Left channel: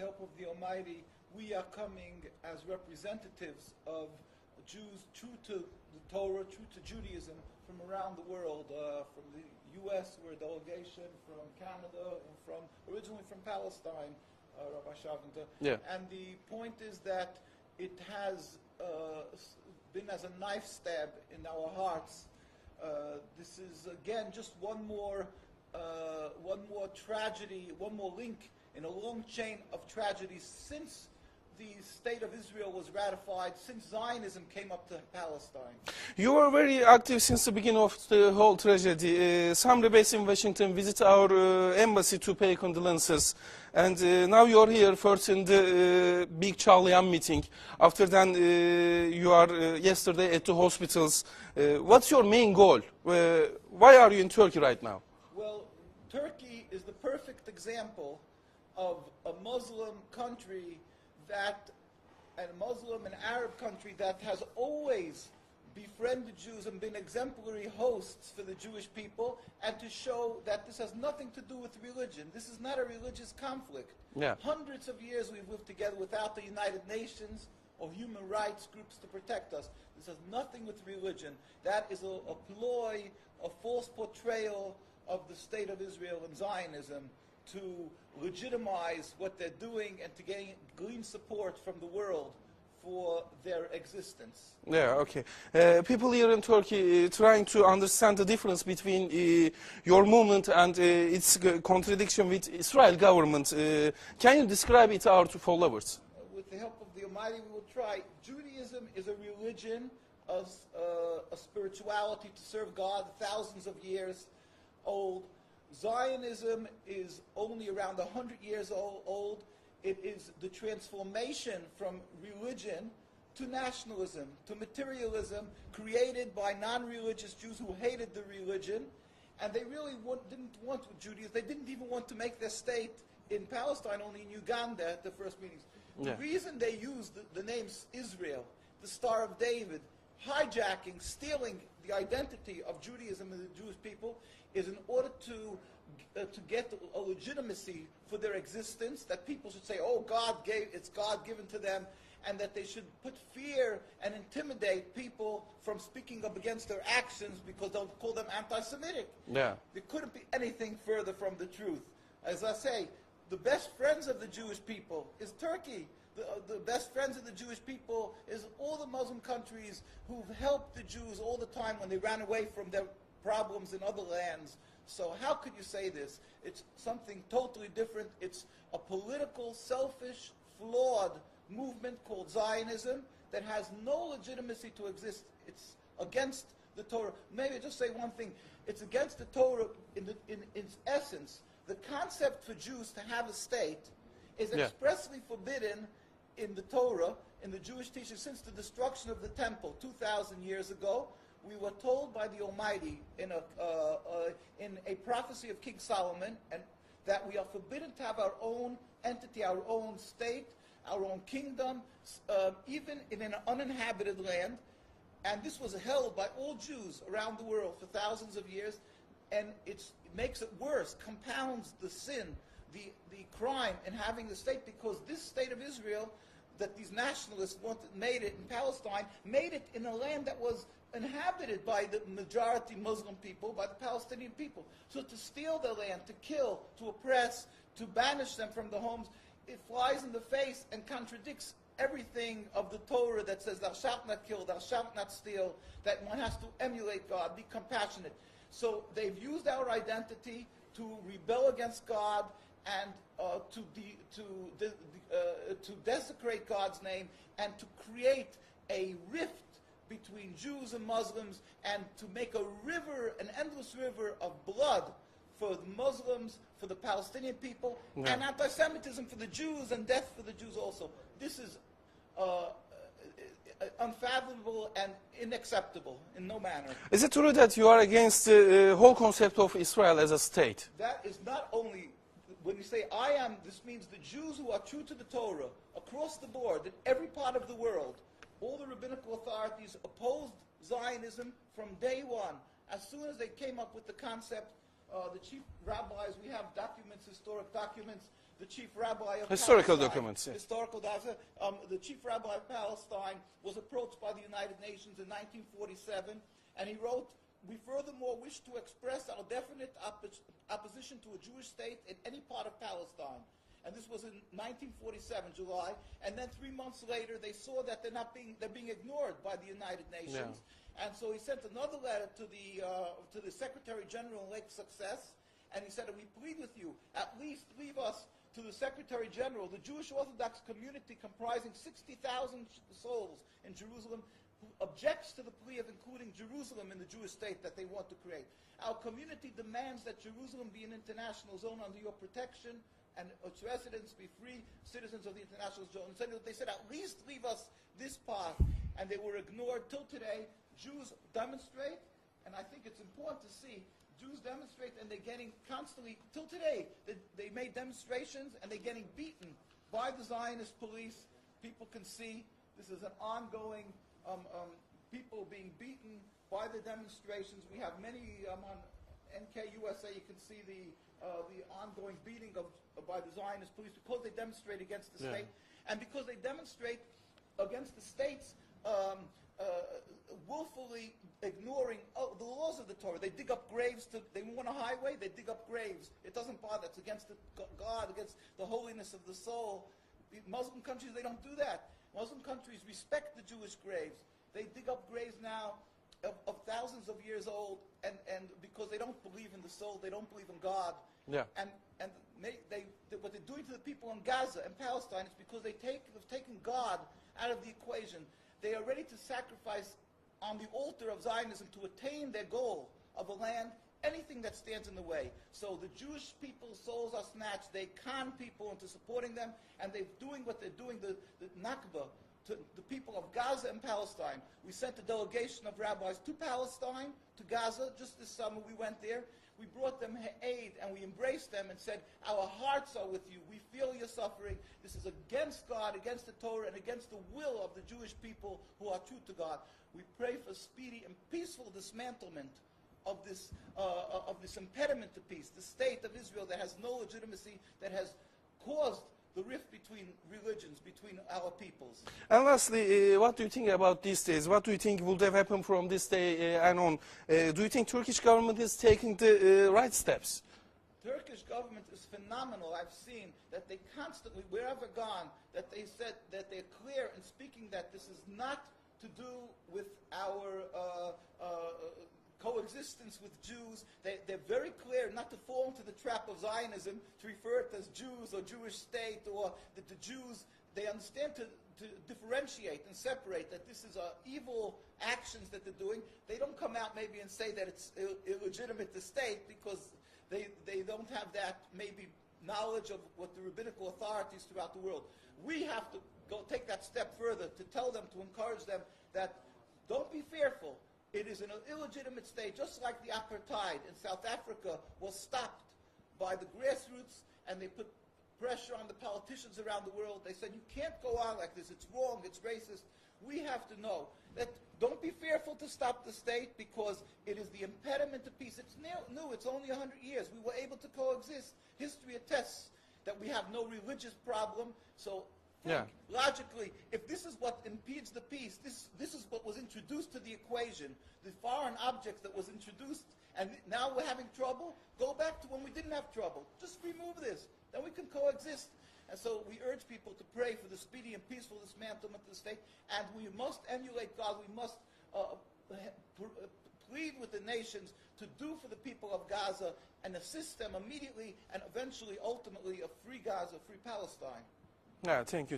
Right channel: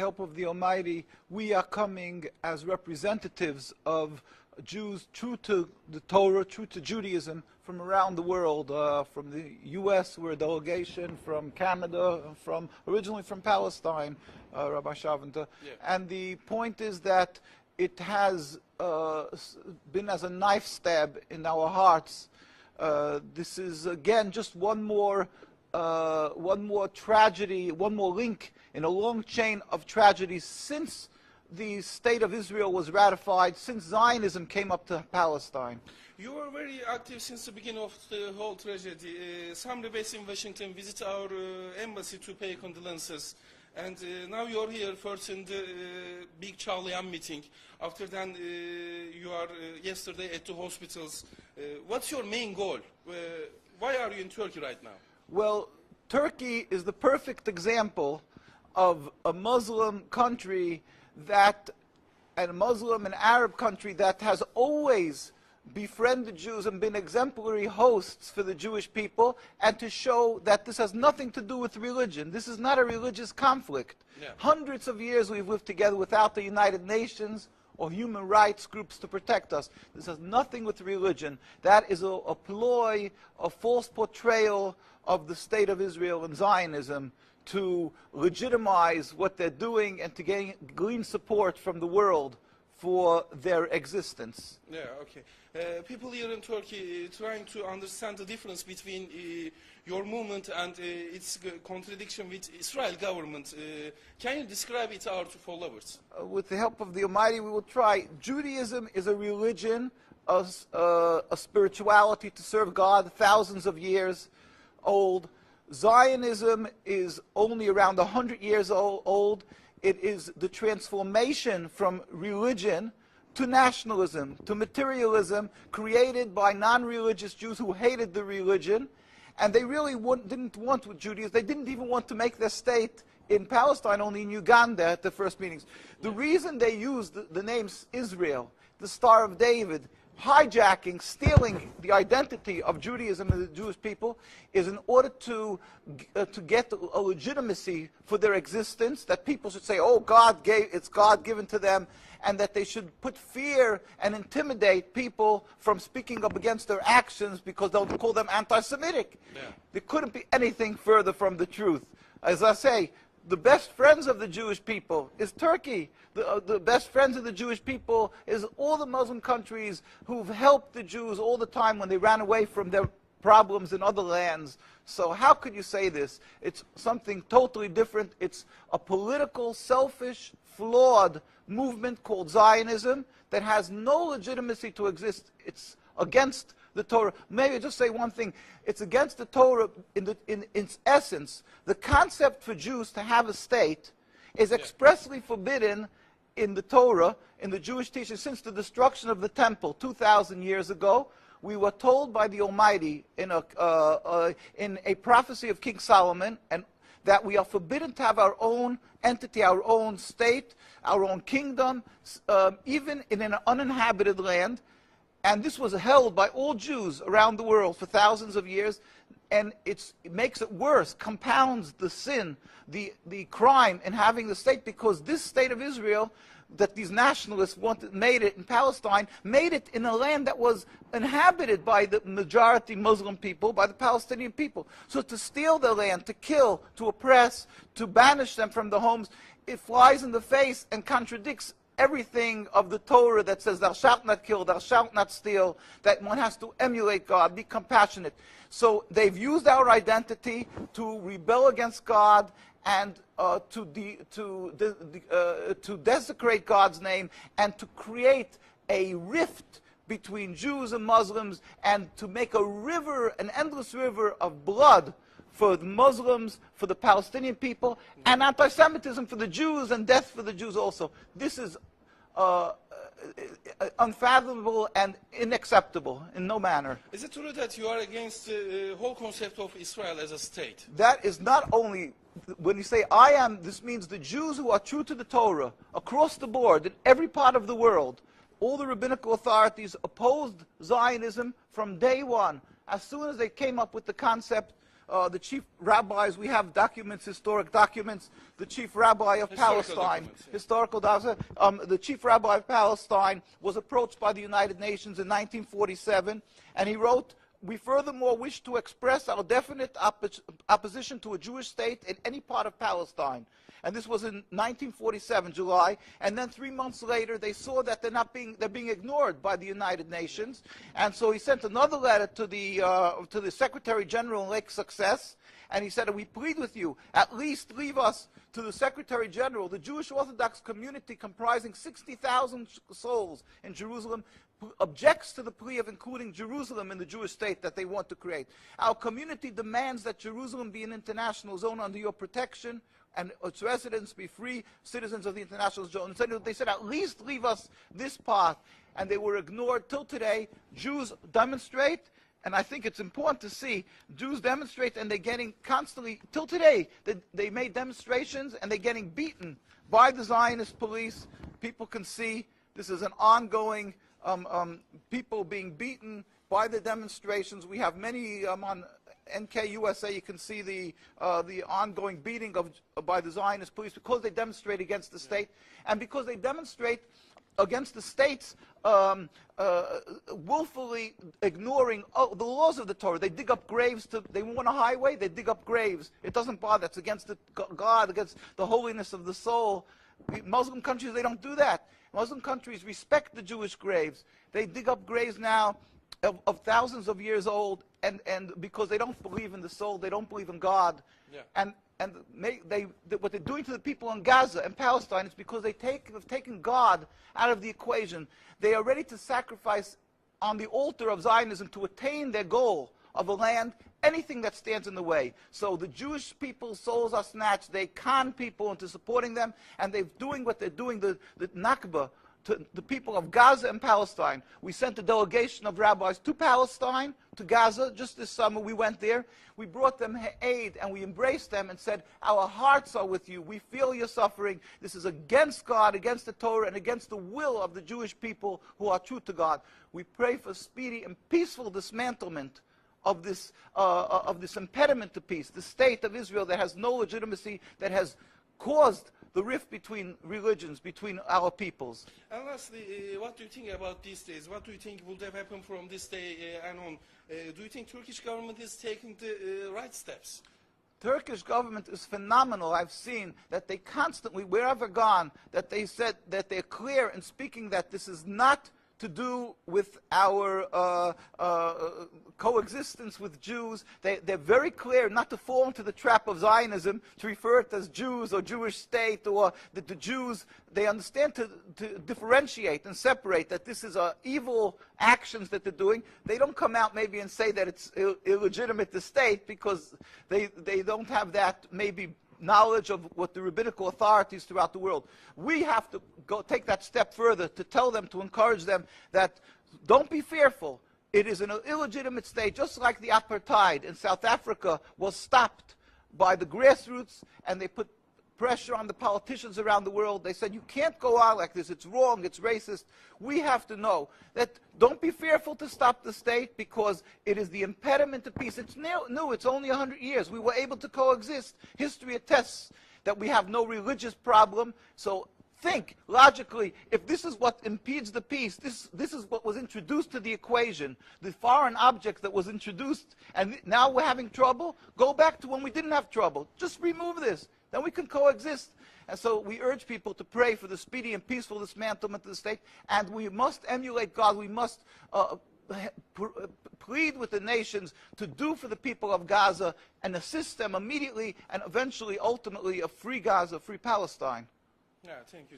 the help of the Almighty, we are coming as representatives of Jews true to the Torah, true to Judaism, from around the world. From the U.S., we're a delegation, from Canada, originally from Palestine, Rabbi Shavanta. Yeah. And the point is that it has been as a knife stab in our hearts. This is, again, just one more tragedy, one more link in a long chain of tragedies since the State of Israel was ratified, since Zionism came up to Palestine. You were very active since the beginning of the whole tragedy. Some rebates in Washington visit our embassy to pay condolences. And now you're here first in the big Charlian meeting. After then, you are yesterday at the hospitals. What's your main goal? Why are you in Turkey right now? Well, Turkey is the perfect example of a Muslim country and a Muslim and Arab country that has always befriended Jews and been exemplary hosts for the Jewish people, and to show that this has nothing to do with religion. This is not a religious conflict. Yeah. Hundreds of years we've lived together without the United Nations or human rights groups to protect us. This has nothing with religion. That is a ploy, a false portrayal of the State of Israel and Zionism to legitimize what they're doing and to glean support from the world for their existence. Yeah, okay. People here in Turkey trying to understand the difference between your movement and its contradiction with Israel government. Can you describe it to our followers? With the help of the Almighty, we will try. Judaism is a religion, a spirituality to serve God, thousands of years old. Zionism is only around 100 years old. It is the transformation from religion to nationalism, to materialism, created by non-religious Jews who hated the religion. And they really didn't want Judaism. They didn't even want to make their state in Palestine, only in Uganda at the first meetings. The reason they used the name Israel, the Star of David, hijacking, stealing the identity of Judaism and the Jewish people, is in order to get a legitimacy for their existence, that people should say, oh, it's God given to them, and that they should put fear and intimidate people from speaking up against their actions because they'll call them anti-Semitic. Yeah. There couldn't be anything further from the truth. As I say, the best friends of the Jewish people is Turkey. The best friends of the Jewish people is all the Muslim countries who've helped the Jews all the time when they ran away from their problems in other lands. So how could you say this? It's something totally different. It's a political, selfish, flawed movement called Zionism that has no legitimacy to exist. It's against the Torah. Maybe just say one thing. It's against the Torah in its essence. The concept for Jews to have a state is expressly forbidden in the Torah, in the Jewish teaching, since the destruction of the temple 2,000 years ago. We were told by the Almighty in a prophecy of King Solomon, and that we are forbidden to have our own entity, our own state, our own kingdom, even in an uninhabited land. And this was held by all Jews around the world for thousands of years. And it makes it worse, compounds the sin, the crime in having the state, because this state of Israel that these nationalists made it in Palestine, made it in a land that was inhabited by the majority Muslim people, by the Palestinian people. So to steal their land, to kill, to oppress, to banish them from the homes, it flies in the face and contradicts everything of the Torah that says thou shalt not kill, thou shalt not steal, that one has to emulate God, be compassionate. So they've used our identity to rebel against God and to desecrate God's name, and to create a rift between Jews and Muslims, and to make a river, an endless river of blood for the Muslims, for the Palestinian people, and anti-Semitism for the Jews, and death for the Jews also. This is unfathomable and unacceptable in no manner. Is it true that you are against the whole concept of Israel as a state? That is not only, when you say I am, this means the Jews who are true to the Torah, across the board, in every part of the world. All the rabbinical authorities opposed Zionism from day one. As soon as they came up with the concept the chief rabbis, we have documents, historic documents, the chief rabbi of Historical Palestine. documents, yeah. Historical documents. The chief rabbi of Palestine was approached by the United Nations in 1947, and he wrote, "We furthermore wish to express our definite opposition to a Jewish state in any part of Palestine." And this was in 1947, July. And then 3 months later, they saw that they're being ignored by the United Nations. Yeah. And so he sent another letter to the Secretary General in Lake Success, and he said, "We plead with you, at least leave us to the Secretary General. The Jewish Orthodox community, comprising 60,000 souls in Jerusalem, objects to the plea of including Jerusalem in the Jewish state that they want to create. Our community demands that Jerusalem be an international zone under your protection, and its residents be free citizens of the international zone." So they said, "At least leave us this part." And they were ignored till today. Jews demonstrate, and I think it's important to see, Jews demonstrate, and they're getting constantly, till today, they made demonstrations, and they're getting beaten by the Zionist police. People can see this is an ongoing, people being beaten by the demonstrations. We have many on NKUSA, you can see the ongoing beating by the Zionist police because they demonstrate against the state, and because they demonstrate against the states willfully ignoring the laws of the Torah. They dig up graves. They want a highway, they dig up graves. It doesn't bother. It's against God, against the holiness of the soul. Muslim countries, they don't do that. Muslim countries respect the Jewish graves. They dig up graves now of thousands of years old, and because they don't believe in the soul, they don't believe in God. Yeah. And what they're doing to the people in Gaza and Palestine is because have taken God out of the equation. They are ready to sacrifice on the altar of Zionism to attain their goal of a land, anything that stands in the way. So the Jewish people's souls are snatched. They con people into supporting them, and they're doing what they're doing, the Nakba, to the people of Gaza and Palestine. We sent a delegation of rabbis to Palestine, to Gaza. Just this summer we went there. We brought them aid, and we embraced them and said, "Our hearts are with you. We feel your suffering. This is against God, against the Torah, and against the will of the Jewish people who are true to God. We pray for speedy and peaceful dismantlement of this impediment to peace, the state of Israel that has no legitimacy, that has caused the rift between religions, between our peoples." And lastly, what do you think about these days? What do you think would have happened from this day and on? Do you think Turkish government is taking the right steps? Turkish government is phenomenal. I've seen that they constantly, wherever gone, that they said that they're clear in speaking that this is not to do with our coexistence with Jews. They're very clear not to fall into the trap of Zionism, to refer it as Jews or Jewish state, or that the Jews, they understand to differentiate and separate that this is evil actions that they're doing. They don't come out maybe and say that it's illegitimate to state, because they don't have that maybe knowledge of what the rabbinical authorities throughout the world. We have to take that step further to tell them, to encourage them that don't be fearful. It is an illegitimate state, just like the apartheid in South Africa was stopped by the grassroots, and they put pressure on the politicians around the world. They said, "You can't go on like this. It's wrong. It's racist." We have to know that don't be fearful to stop the state, because it is the impediment to peace. It's new. It's only 100 years. We were able to coexist. History attests that we have no religious problem. So think logically, if this is what impedes the peace, this is what was introduced to the equation, the foreign object that was introduced, and now we're having trouble, go back to when we didn't have trouble. Just remove this. Then we can coexist. And so we urge people to pray for the speedy and peaceful dismantlement of the state, and we must emulate God. We must plead with the nations to do for the people of Gaza and assist them immediately and eventually, ultimately, a free Gaza, free Palestine. Yeah, thank you.